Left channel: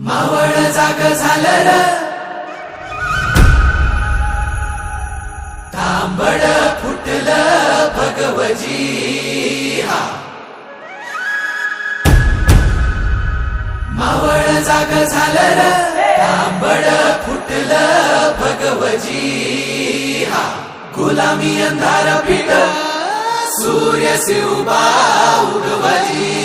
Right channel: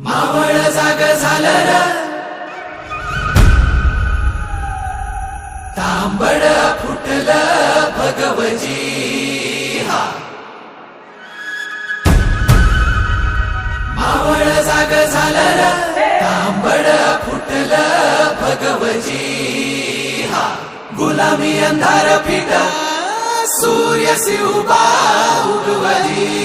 मावळ जाग झालं र, तांबड फुटलं भगवजी हा. मावळ जाग झालं र, तांबड फुटलं भगवजी हा. गुलामी अंधार फिट, सूर्य उभा उगवली.